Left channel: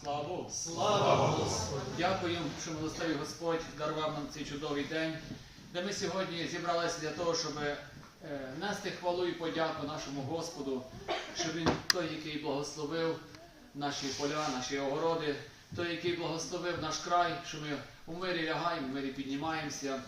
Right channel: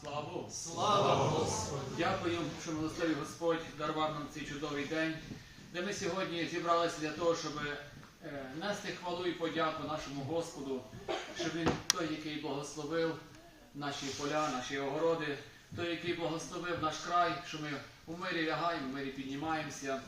слава Богу. Слава Господу! Дякую, що милостивий Господь дарував нам цей чудовий день, де ми сьогодні зібралися для того, щоб е, нести хвалу і подяку нашому Господу, щоб Він той, який благословив наші поля, наші огороди, той, який благословив наш край, що ми у мирі лягаємо, в мирі піднімаємося.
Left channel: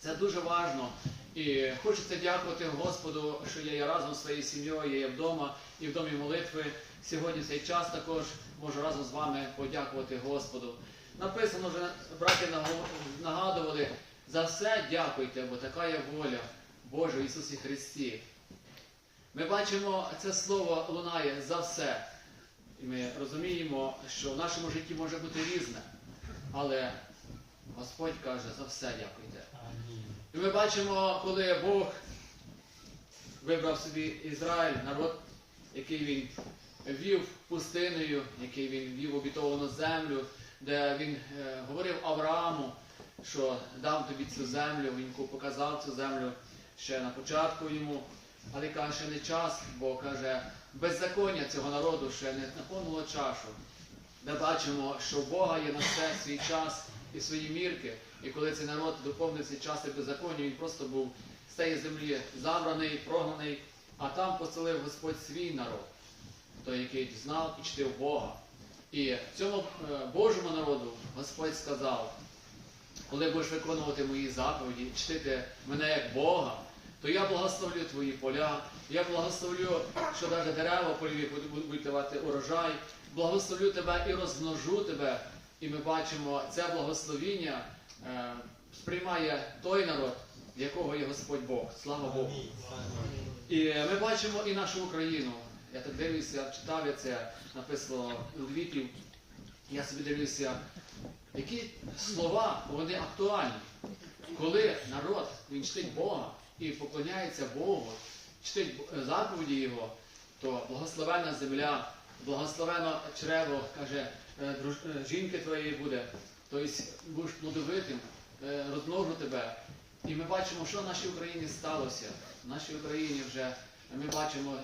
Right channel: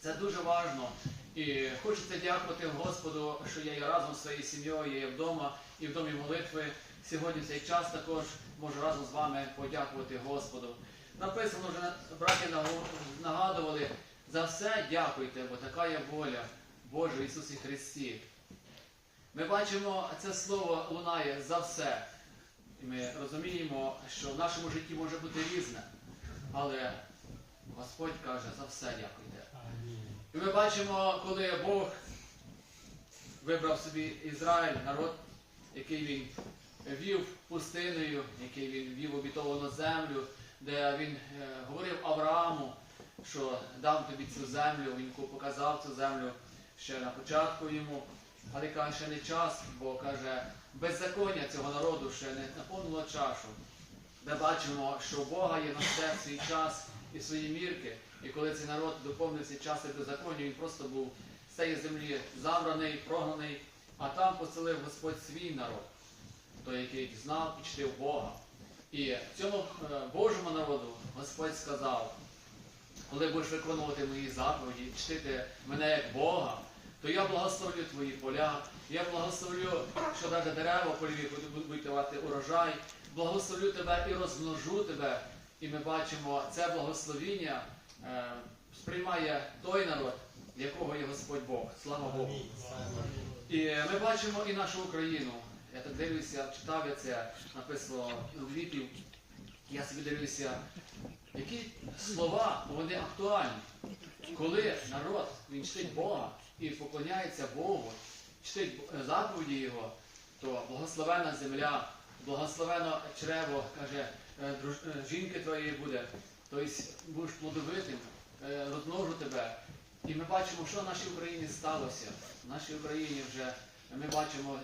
Це дуже важливо. І хочеться дякувати Господу, що я є разом зі своєю сім'єю, я є вдома і в домі молитви. Сьогодні в цей час також можу разом з вами подякувати Господу. Написано вже, браті нагадували, за все дякуйте, бо така є воля Божа в Ісусі Христі. Ми бачимо, це слово лунає за все. І ми розуміємо, що в нашому житті може бути різне. Але Господь каже, за все дякуйте. І ми бачимо, коли Бог вибрав собі Ізраїль, народ, який він вів пустиною, який він вів обітовану землю, де він е, говорив Аврааму, що дам тобі цю землю, він показав цю землю ще на початку йому. Але каже, ще не час, бо каже, беззаконня цього народу ще не наповнило чашу. Де бачимо, що у Бога є на все свій час і свої мірки. І коли цей народ доповнився час і беззаконня, він просто був з цієї землі забраний, прогнаний, а там поселив Господь свій народ, той, який знав і чтив Бога. І цьому е, Божому народу Господь сказав, коли будеш виконувати мої заповіді, чтити мене як Бога, то я благословлю твої поля, я благословлю, що навіть дерева польові будуть- давати урожай, благословлю тебе і розмножу тебе. І ми бачимо, це благословіння е, сприймає той народ, якого є Господь Бог. Слава Богу. І ми бачимо і нашу Україну. Я так дивлюся, читав я це, написано Львів. Я собі дивлюся, які слова вони актуальні. Коли народ він чтить Бога і поклоняється Богу, чтить заповіді Його, то благословена земля, благословено чрево, каже, е, е, жінки твоєї буде, тобто будеш плодовитим, е, розмножу тебе. І ми бачимо, що в нашій Україні сталося. В нашій Україні вже ми бачимо,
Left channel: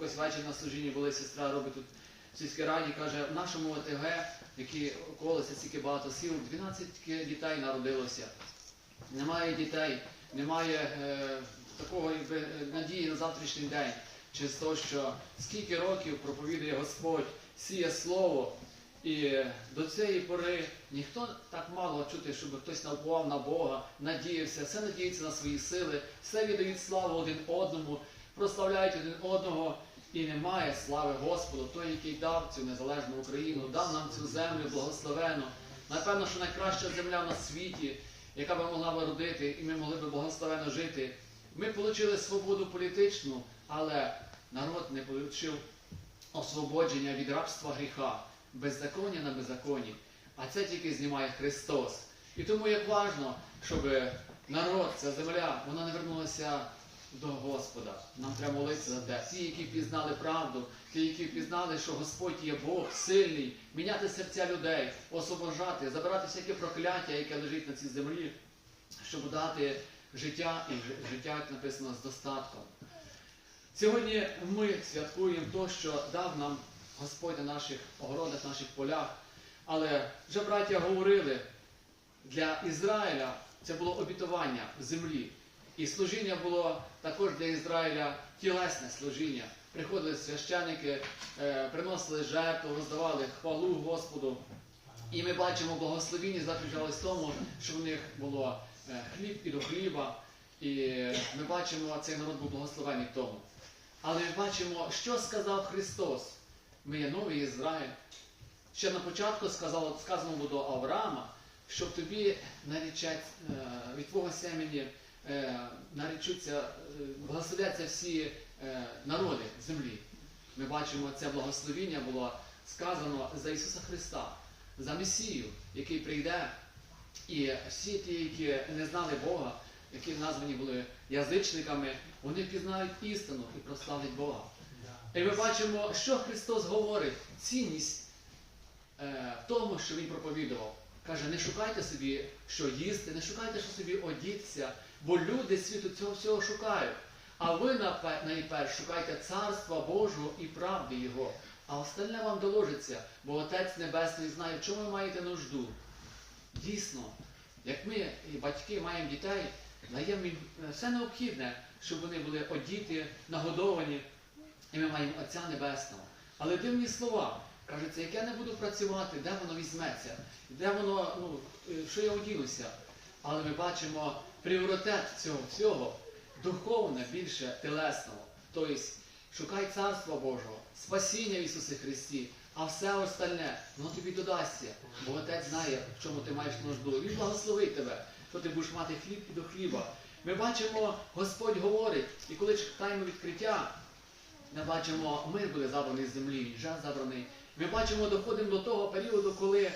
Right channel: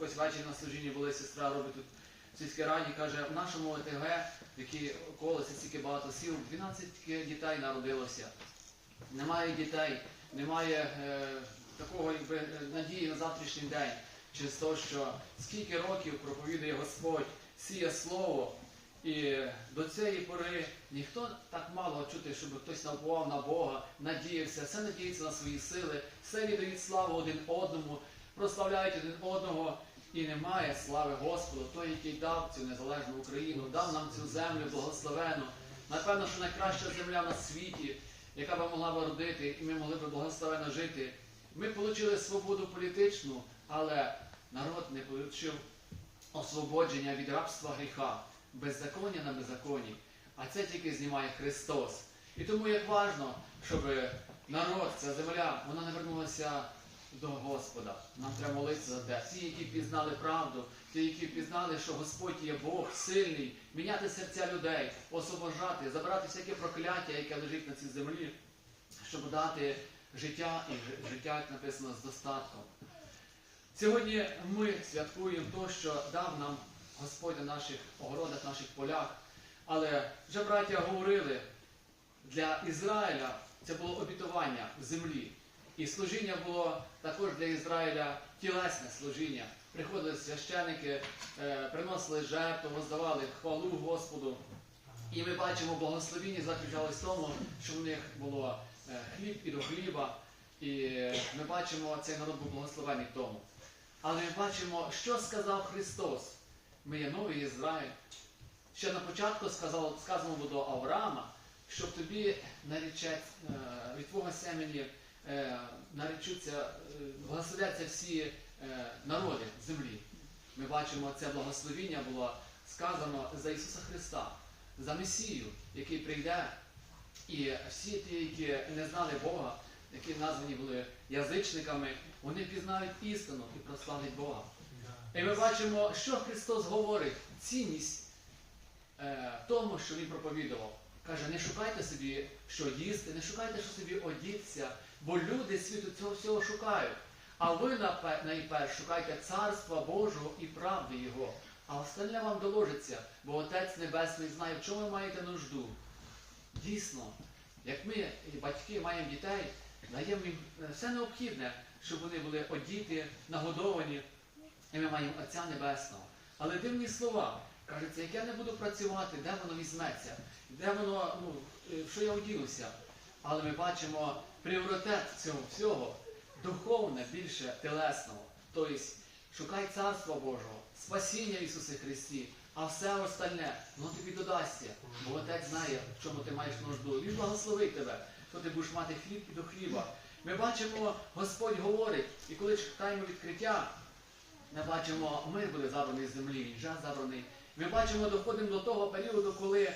якось вечір на служінні були, сестра робить тут в сільській раді, каже, в нашому ОТГ, в якій колеса стільки багато сіл, 12 дітей народилося. Немає дітей, немає е, такого якби, е, надії на завтрашній день. Через те, що скільки років проповідує Господь, сіє слово, і до цієї пори ніхто так мало чути, щоб хтось навбував на Бога, надіявся, все надіється на свої сили, все віддають славу один одному, прославляють один одного. І немає слави Господу, той, який дав цю незалежну Україну, дав нам цю землю благословену. Напевно, що найкраща земля на світі, яка би могла би родити, і ми могли б благословено жити. Ми отримали свободу політичну, але народ не отримав освободження від рабства гріха, беззаконня на беззаконні. А це тільки знімає Христос. І тому як важно, щоб народ, ця земля, вона не вернулася до Господа. Нам треба молитися за те. Ті, які пізнали правду, ті, які пізнали, що Господь є Бог сильний, міняти серця людей, освобождати, забирати всяке прокляття, яке лежить на цій землі, щоб дати життя і життя, як написано, з достатком. Сьогодні ми святкуємо те, що дав нам Господь на наших огородах, наших полях. Але вже браття говорили, для Ізраїля це було обітування в землі. І служіння було також для Ізраїля тілесне служіння. Приходили священики, е, приносили жертву, роздавали хвалу Господу. І ми бачимо, благословіння заключалось в тому, що в них було е, хліб і до хліба. І ми бачимо, цей народ був благословений в тому. Але ми бачимо, що сказав Христос. Ми є новий Ізраїль. Ще на початку сказано було до Авраама, щоб тобі нарічать е, від твого семені наречуться, е, благословляться всі е, народи землі. Ми бачимо, це благословіння було сказано за Ісуса Христа, за Месію, який прийде. І всі ті, які не знали Бога, які названі були язичниками, вони пізнають істину і прославлять Бога. І ми бачимо, що Христос говорить, цінність е, тому, що Він проповідував. Каже, не шукайте собі, що їсти, не шукайте, що собі одітися, бо люди світу цього всього шукають. А ви напе- найперш шукайте царства Божого і правди Його, а остальне вам доложиться, бо Отець Небесний знає, в чому ви маєте нужду. Дійсно, як ми, батьки, маємо дітей, даємо їм е, все необхідне, щоб вони були одіти, нагодовані, і ми маємо Отця Небесного. Але дивні слова. Кажеться, як я не буду працювати, де воно візьметься, де воно, ну, е, що я одінуся. Але ми бачимо пріоритет цього всього духовне більше телесного. Тобто шукай Царства Божого, спасіння в Ісусі Христі, а все остальне воно тобі додасться. Бо Отець знає, в чому ти маєш нужду. Він благословить тебе, що ти будеш мати хліб і до хліба. Ми бачимо, Господь говорить, і коли читаємо відкриття, ми бачимо, мир буде забраний з землі, він вже забраний. Ми бачимо, доходимо до того періоду, коли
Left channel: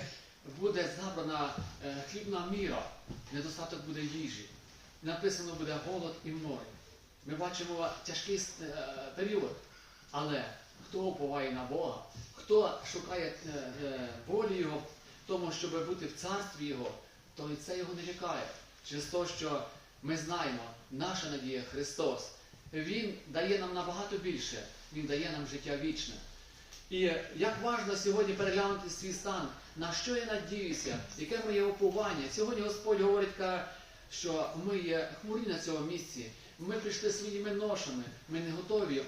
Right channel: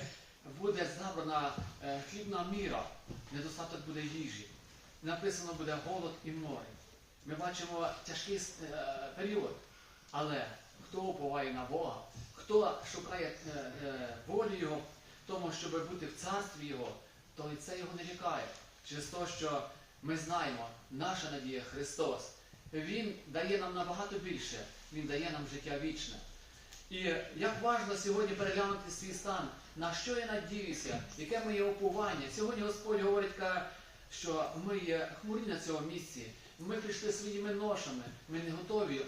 буде забрана е, хлібна міра, недостаток буде їжі. Написано буде голод і море. Ми бачимо тяжкий е, період. Але хто уповає на Бога, хто шукає е, е, волі Його тому, щоб бути в царстві Його, то і це його не лякає. Через те, що ми знаємо, наша надія Христос. Він дає нам набагато більше, Він дає нам життя вічне. І як важливо сьогодні переглянути свій стан, на що я надіюся, яке моє уповання. Сьогодні Господь говорить, каже, що ми є хмурі на цьому місці. Ми прийшли своїми ношами, ми не готові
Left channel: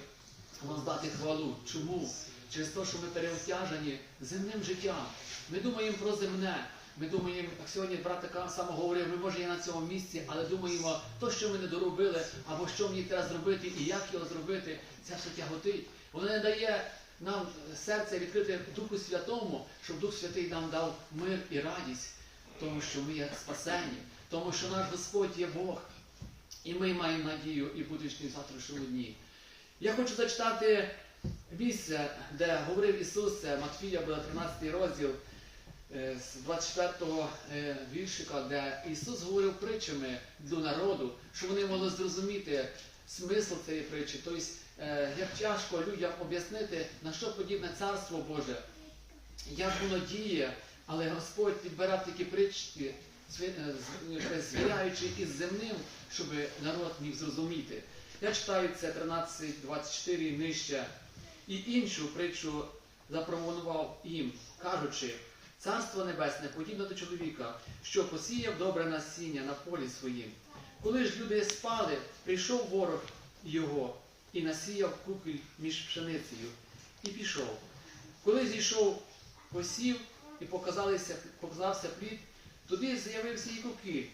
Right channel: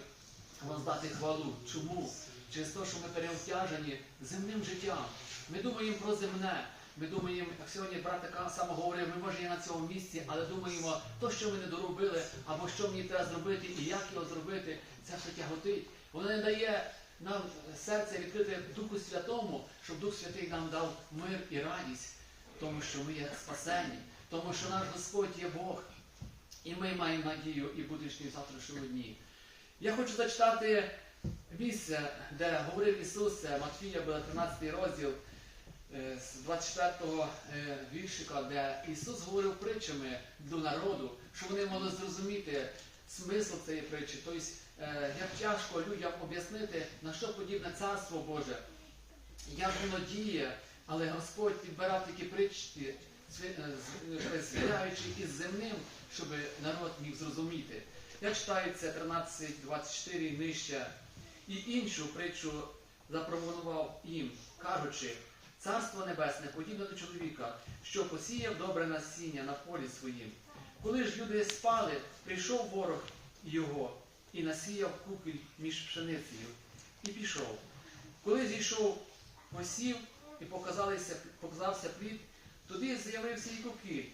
воздати хвалу. Чому? Через те, що ми переобтяжені земним життям. Ми думаємо про земне. Ми думаємо, як сьогодні брат така само говорив, ми може є на цьому місці, але думаємо, то, що ми не доробили, або що мені треба зробити, і як його зробити, це все тяготить. Воно не дає нам серце відкрити Духу Святому, щоб Дух Святий нам дав мир і радість, тому що ми є спасені, тому що наш Господь є Бог. І ми маємо надію і будучні завтрашньому дні. Я хочу зачитати місце, де говорив Ісус, Матфія, буде 13 розділ е, з 24 е, віршика, де Ісус говорив притчами до народу, щоб вони могли зрозуміти смисл цієї притчі. Тобто, е, як тяжко людям об'яснити, на що подібне Царство Боже, як воно діє, але Господь підбирав такі притчі, е, з- звіряючи із земним, щоб народ міг зрозуміти. Я читаю це 13.24 і нижче. І іншу притчу запропонував їм, кажучи, Царство Небесне подібне до чоловіка, що посіяв добре насіння на полі своїм. Коли ж люди спали, прийшов ворог його і насіяв купіль між пшеницею, і пішов. Коли зійшов посів і показався плід, туди з'явився і купіль.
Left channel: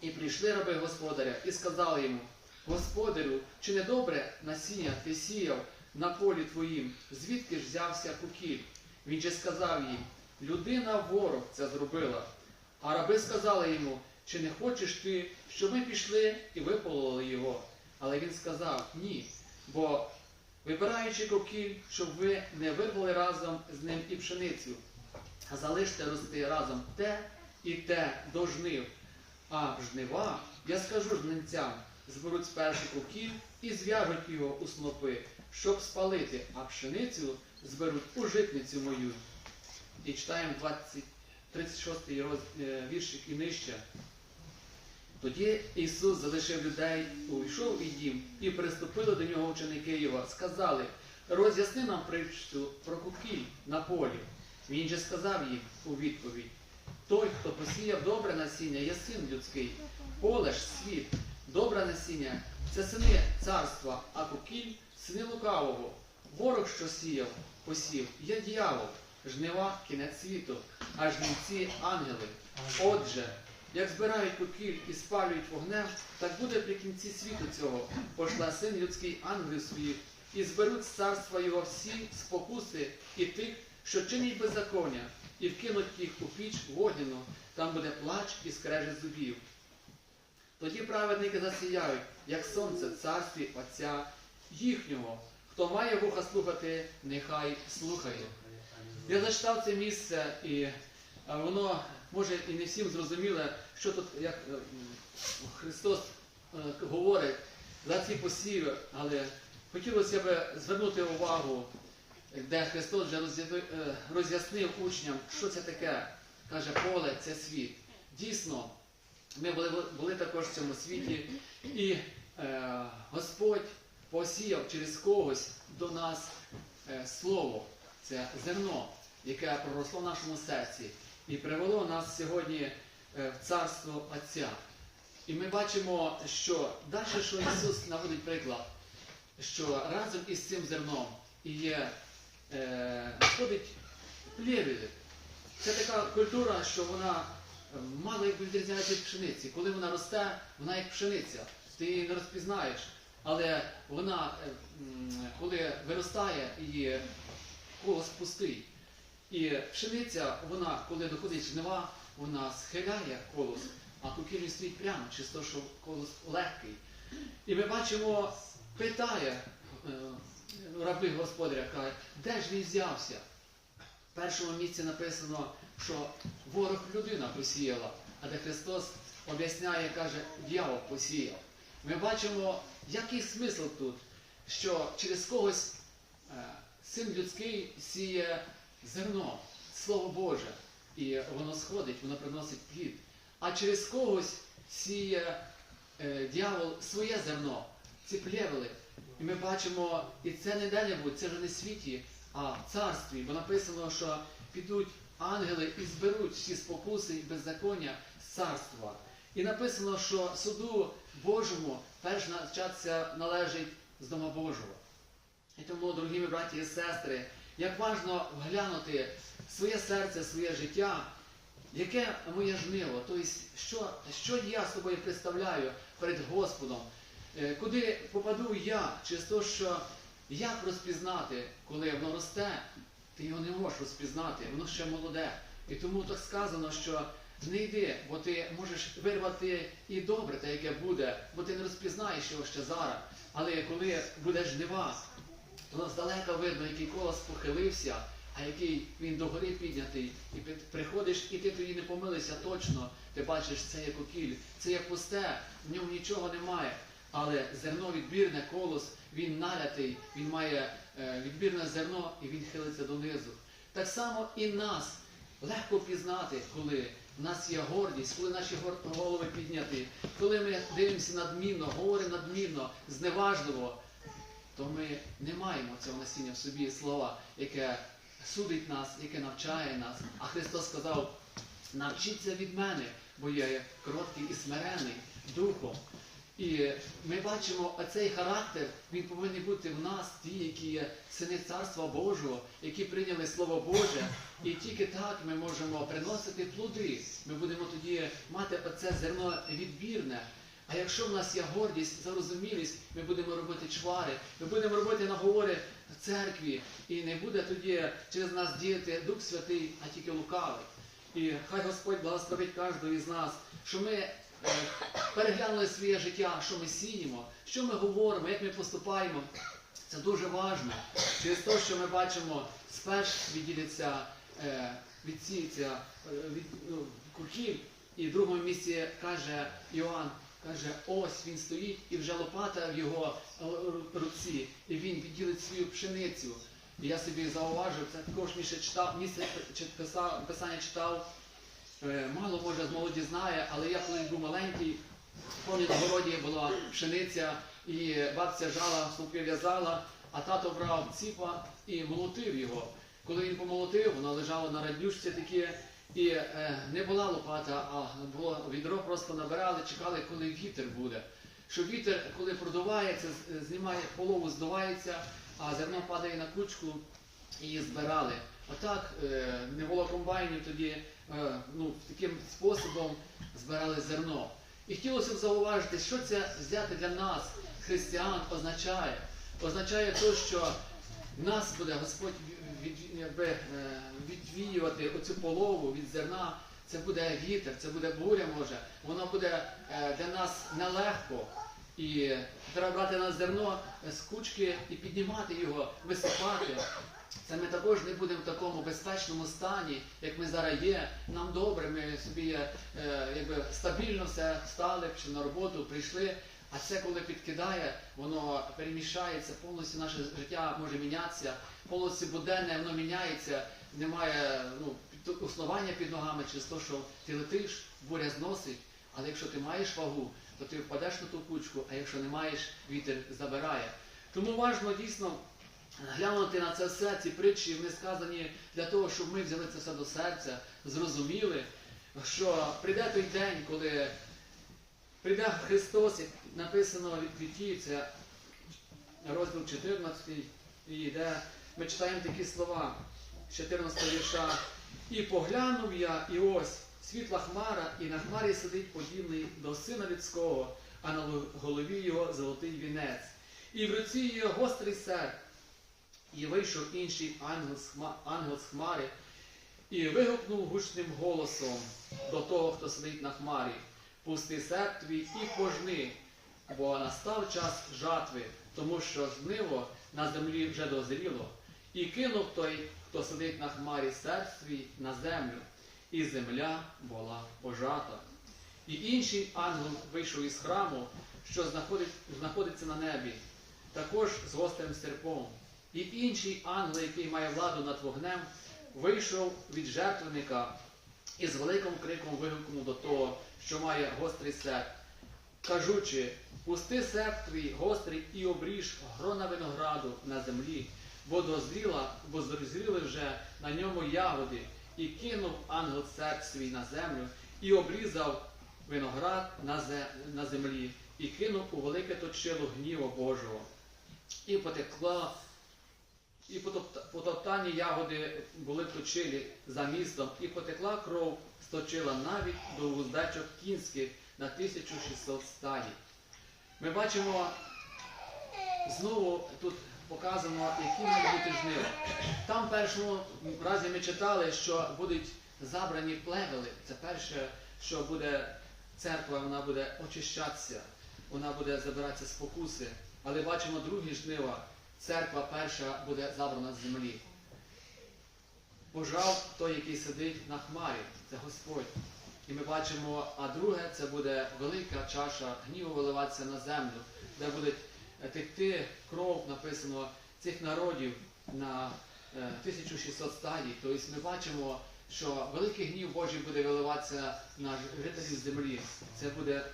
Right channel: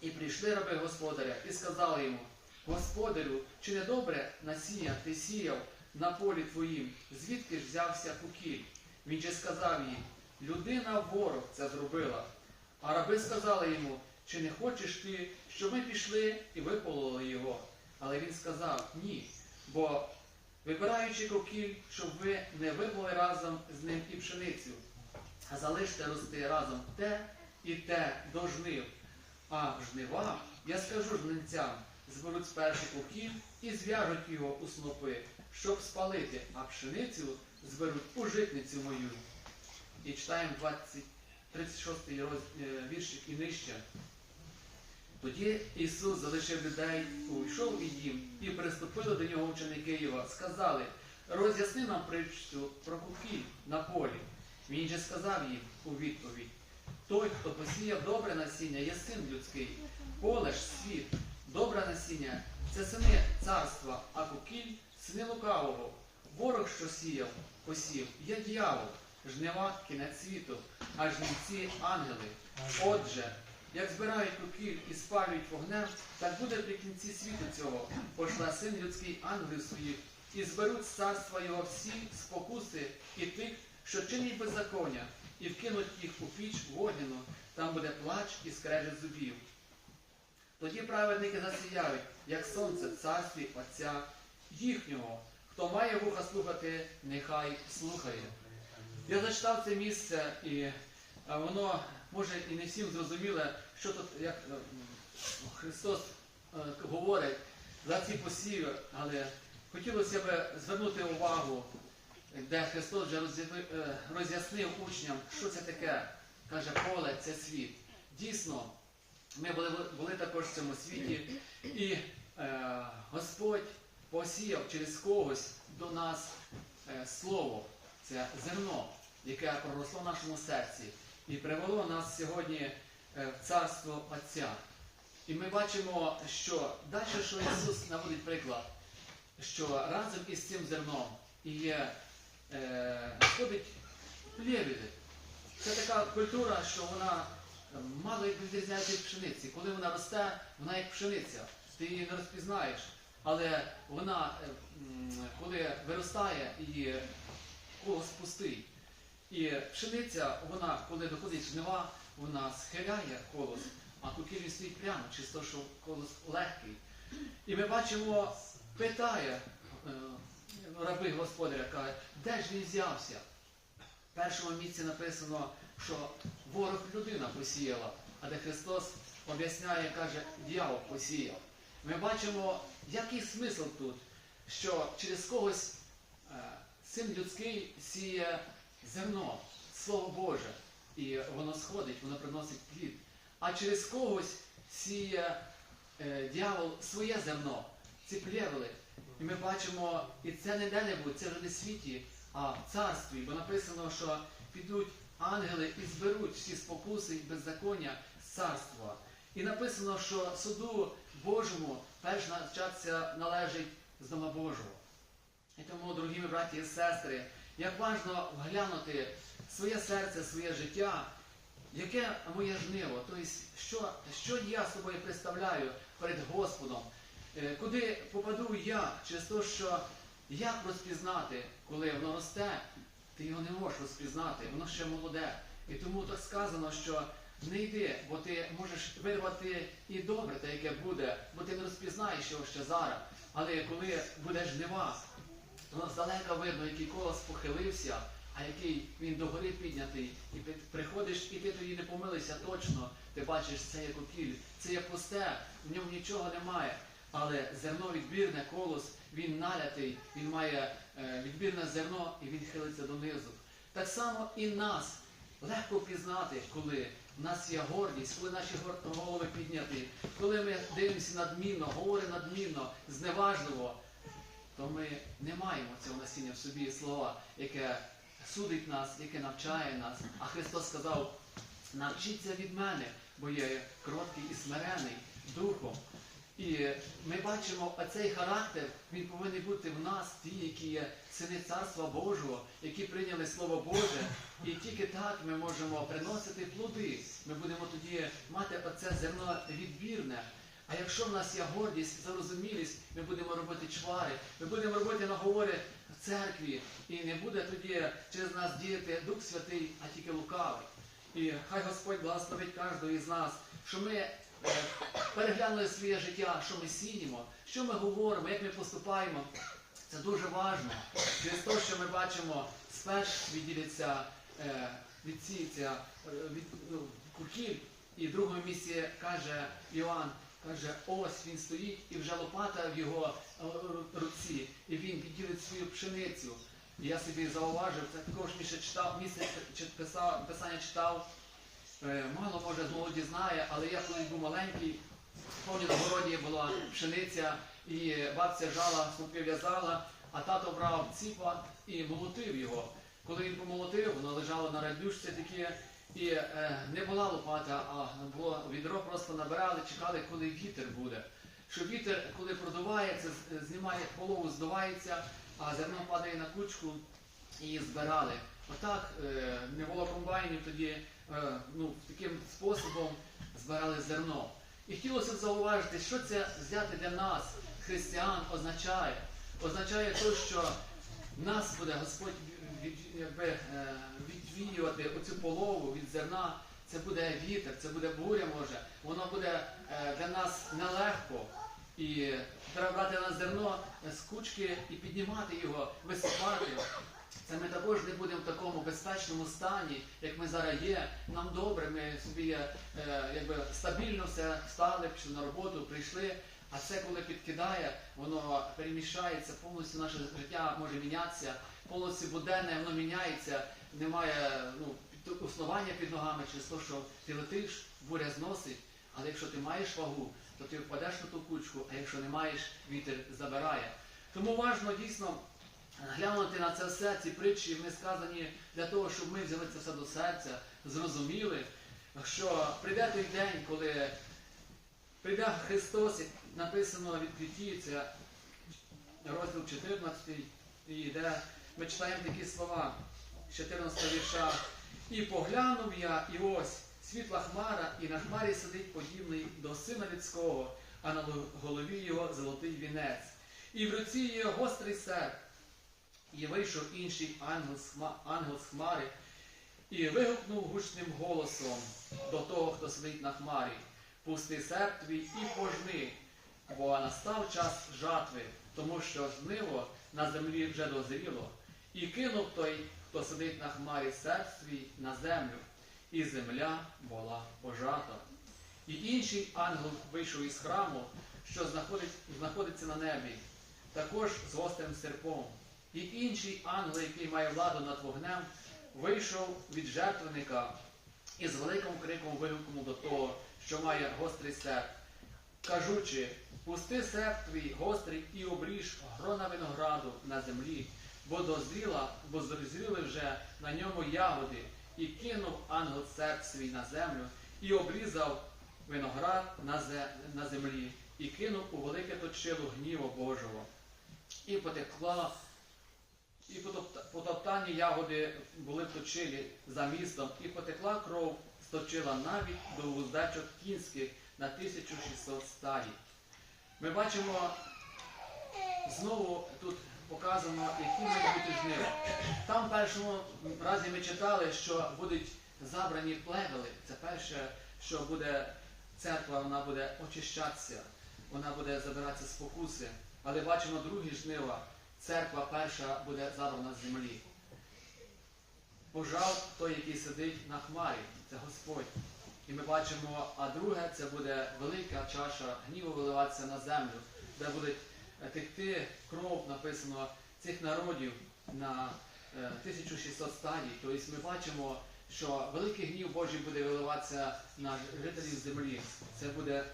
І прийшли раби господаря і сказали йому, Господарю, чи не добре насіння ти сіяв на полі твоїм, звідки ж взявся кукіль? Він же сказав їм, людина ворог це зробила. А раби сказали йому, чи не хочеш ти, щоб ми пішли і випололи його? Але він сказав, ні, бо вибираючи кокіль, щоб ви не випали разом з ним і пшеницю, а залиште рости разом те і те до жнив. А жнива, я скажу жнивцям, зберуть спершу кокіль і зв'яжуть його у снопи, щоб спалити, а пшеницю зберуть у житницю мою. І читаємо 20, 36 роз, е, віршик і нижче. Тоді Ісус залишив людей, увійшов і дім, і приступили до нього ученики його, сказали, роз'ясни нам притчу про кукіль на полі. Він же сказав їм у відповідь, той, хто посіяв добре насіння, є син людський, поле ж світ, добре насіння це сини царства, а кукіль сини лукавого. Ворог, що сіяв, посів, є дьявол, жнива кінець світу, а жнивці ангели. Отже, як збирають кукіль і спалюють вогнем, так буде при кінці світу цього. Пошла син людський ангелів своїх, і зберуть з царства його всі спокуси і тих, що чинять беззаконня, і вкинуть їх у піч вогняну, там буде плач і скрежет зубів. Тоді праведники засіяють, як сонце в царстві Отця їхнього. Хто має вуха слухати, нехай слухає. Я зачитав це місце, і воно може і не всім зрозуміле, що тут як е, Христос е, говорить за ці посіви, але хотілося б звернути увагу, де Христос вже е, роз'яснив учням, що це таке. Каже, поле це світ. Дійсно, ми були, були також в цьому світі, і е, Господь посіяв через когось до нас е, слово. це зерно, яке проросло в нашому серці і привело нас сьогодні е, в царство Отця. І ми бачимо, що далі, що Ісус наводить приклад, що разом із цим зерном і є, е, плєвіди. Це така культура, що вона е, мало як відрізняється від пшениці. Коли вона росте, вона як пшениця. Ти її не розпізнаєш. Але вона, е, коли виростає, її колос пустий. І пшениця, вона, коли доходить жнива, вона схиляє колос, а кукіль стоїть прямо, чисто, що колос легкий. І ми бачимо, питає е, раби господаря, каже, де ж він взявся? В першому місці написано, що ворог людина посіяла, а де Христос об'ясняє, каже, дьявол посіяв. Ми бачимо, який смисл тут, що через когось е, син людський сіє зерно, Слово Боже, і воно сходить, воно приносить плід. А через когось сіє е, дьявол своє зерно, ці плєвели. І ми бачимо, і це не де-небудь, це вже не в світі, а в царстві, бо написано, що підуть ангели і зберуть всі спокуси і беззаконня з царства. І написано, що суду Божому перш начатися належить з дома Божого. І тому, дорогі мої браті і сестри, як важно вглянути своє серце, своє життя, яке моє жниво, тобто, що, що я собою представляю перед Господом, Е, куди попаду я, через те, що як розпізнати, коли воно росте, ти його не можеш розпізнати, воно ще молоде. І тому так сказано, що не йди, бо ти можеш вирвати і добре, те, яке буде, бо ти не розпізнаєш його ще зараз. Але коли буде жнива, то здалека видно, який колос похилився, а який він догори піднятий, і приходиш, і ти тоді не помилився точно. Ти бачиш, це є кокіль, це є пусте, в ньому нічого немає. Але зерно відбірне, колос, він налятий, він має е, відбірне зерно і він хилиться донизу. Так само і нас легко пізнати, коли в нас є гордість, коли наші голови підняті, коли ми дивимося надмінно, говоримо надмінно, зневажливо, то ми не маємо цього насіння в собі слова, яке судить нас, яке навчає нас. А Христос сказав: навчіться від мене, бо я є кроткий і смирений духом. І ми бачимо оцей характер, він повинен бути в нас, ті, які є сини Царства Божого, які прийняли Слово Боже, і тільки так ми можемо приносити плоди. Ми будемо тоді мати оце зерно відбірне. А якщо в нас є гордість, зарозумілість, ми будемо робити чвари, ми будемо робити наговори в церкві, і не буде тоді через нас діяти Дух Святий, а тільки лукавий. І хай Господь благословить кожного із нас, що ми е, переглянули своє життя, що ми сіємо, що ми говоримо, як ми поступаємо. Це дуже важливо. Через те, що ми бачимо, сперш відділяться, е, відсіється е, від ну, кукіль, і в другому місці каже Іоанн, каже, ось він стоїть, і вже лопата в його е, руці, і він відділить свою пшеницю. І я собі зауважив, це також місце читав, місце писав, писання читав. Е, Мало може з молоді знає, але я коли був маленький, пам'ятаю, на городі була пшениця, і бабця жала, снупи в'язала, а тато брав ціпа і молотив його. Коли він помолотив, воно лежало на радюшці таке, і е, не була лопата, а було відро, просто набирали, чекали, коли вітер буде. Що вітер, коли продувається, з- знімає полову, здувається, а зерно падає на кучку і збирали. Отак е, не було комбайнів тоді, е, ну, таким способом збирали зерно. І хотілося б зауважити, що це взяти для нас, християн, означає. Означає те, що нас буде Господь від, якби, е, відвіювати оцю полову від зерна. Це буде вітер, це буде буря може. Воно буде е, для нас нелегко. І треба брати на зерно з кучки і піднімати його, висипати. Це ми також не будемо в такому безпечному стані, як ми зараз є. Нам добре, ми собі е, якби стабільно все стали, пішли на роботу, прийшли. А це коли підкидає, воно переміщається, повністю наше життя може мінятися, повністю буденне воно міняється, немає ну, основання під ногами через те, що ти летиш, буря зносить. Але якщо ти маєш вагу, то ти впадеш на ту кучку, а якщо не маєш, вітер забирає. Тому важливо дійсно глянути на це все, ці притчі, вони сказані для того, щоб ми взяли це все до серця, зрозуміли, що прийде той день, коли прийде Христос, написано від Віті, це розділ 14, і де ми читаємо такі слова 14 вірша. І поглянув я, і ось світла хмара, і на хмарі сидить подібний до сина людського, а на голові його золотий вінець. І в руці його гострий серп. І вийшов інший ангел з хмари, і вигукнув гучним голосом до того, хто сидить на хмарі. Пусти серп твій і пожни, бо настав час жатви, тому що жниво на землі вже дозріло. І кинув той, хто сидить на хмарі серп свій на землю, і земля була пожата. І інший ангел вийшов із храму, що знаходить, знаходиться на небі, також з гострим серпом. І інший ангел, який має владу над вогнем, вийшов від жертвенника і з великим криком вигукнув до того, що має гострий серп, кажучи, пусти серп твій гострий і обріж грона винограду на землі, бо дозріла, бо зрозріли вже на ньому ягоди, і кинув ангел серп свій на землю, і обрізав виноград на, землі, і кинув у велике точило гніву Божого. І потекла і потоптані ягоди були в точилі за містом, і потекла кров, сточила навіть до вуздечок кінських на 1600 стаді. Ми бачимо знову тут показано, які мають бути жнива. Там в першому разі ми читали, що будуть забрані плевели. Це перше, що буде церква, вона буде очищатися, вона буде забиратися спокуси. Але бачимо другі жнива. Церква перша буде забрана з землі. Пожав той, який сидить на хмарі, це Господь. І ми бачимо, а друге це буде велика чаша гніву виливатися на землю, де буде е, текти кров, написано, цих народів на е, 1600 стадій. Тобто ми бачимо, що великий гнів Божий буде виливатися на жителів землі. Це буде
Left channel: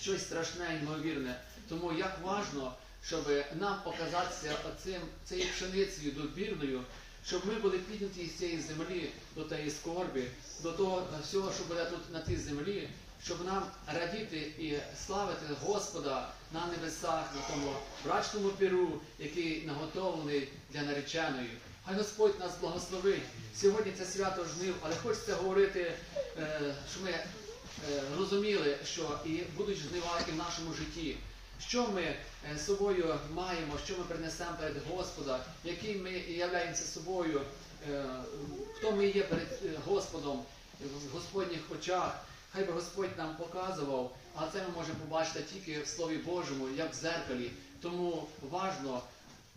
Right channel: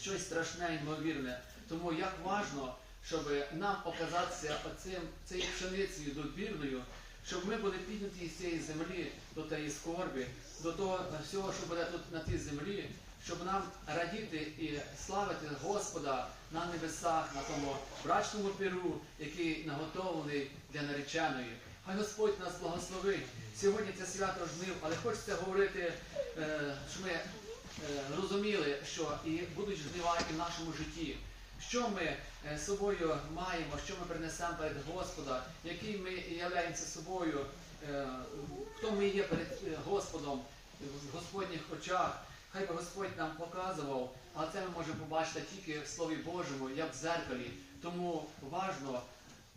щось страшне, ймовірне. Тому як важно, щоб нам показатися оцим, цією пшеницею добірною, щоб ми були підняті з цієї землі до тієї скорбі, до того всього, що буде тут на тій землі, щоб нам радіти і славити Господа на небесах, на тому брачному піру, який наготовлений для нареченої. Хай Господь нас благословить. Сьогодні це свято жнив, але хочеться говорити, е, що ми е, розуміли, що і будуть жнива і в нашому житті. Що ми е, собою маємо, що ми принесемо перед Господа, які ми являємося собою, е, хто ми є перед е, Господом в Господніх очах. Хай би Господь нам показував, але це ми можемо побачити тільки в Слові Божому, як в зеркалі. Тому важно,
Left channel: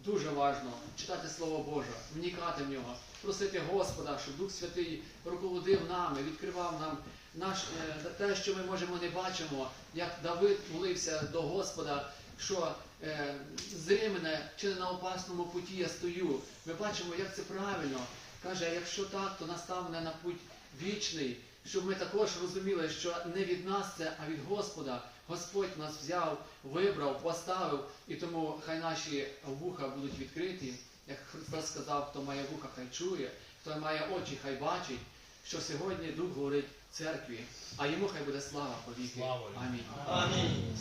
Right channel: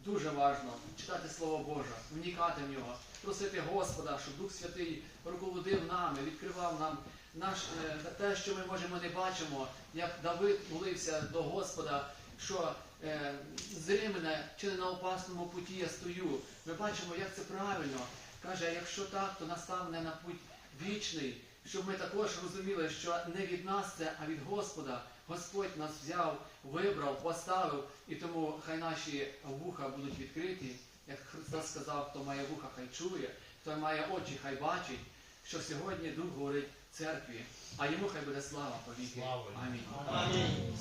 дуже важно читати Слово Боже, вникати в нього, просити Господа, щоб Дух Святий руководив нами, відкривав нам наш, е, те, що ми можемо не бачимо, як Давид молився до Господа, що е, зри мене чи не на опасному путі я стою. Ми бачимо, як це правильно. Каже, якщо так, то настав мене на путь вічний, щоб ми також розуміли, що не від нас це, а від Господа. Господь нас взяв, вибрав, поставив, і тому хай наші вуха будуть відкриті. Як Христос сказав, хто має вуха, хай чує, хто має очі, хай бачить, що сьогодні Дух говорить церкві, а йому хай буде слава повіки. Амінь. Амінь.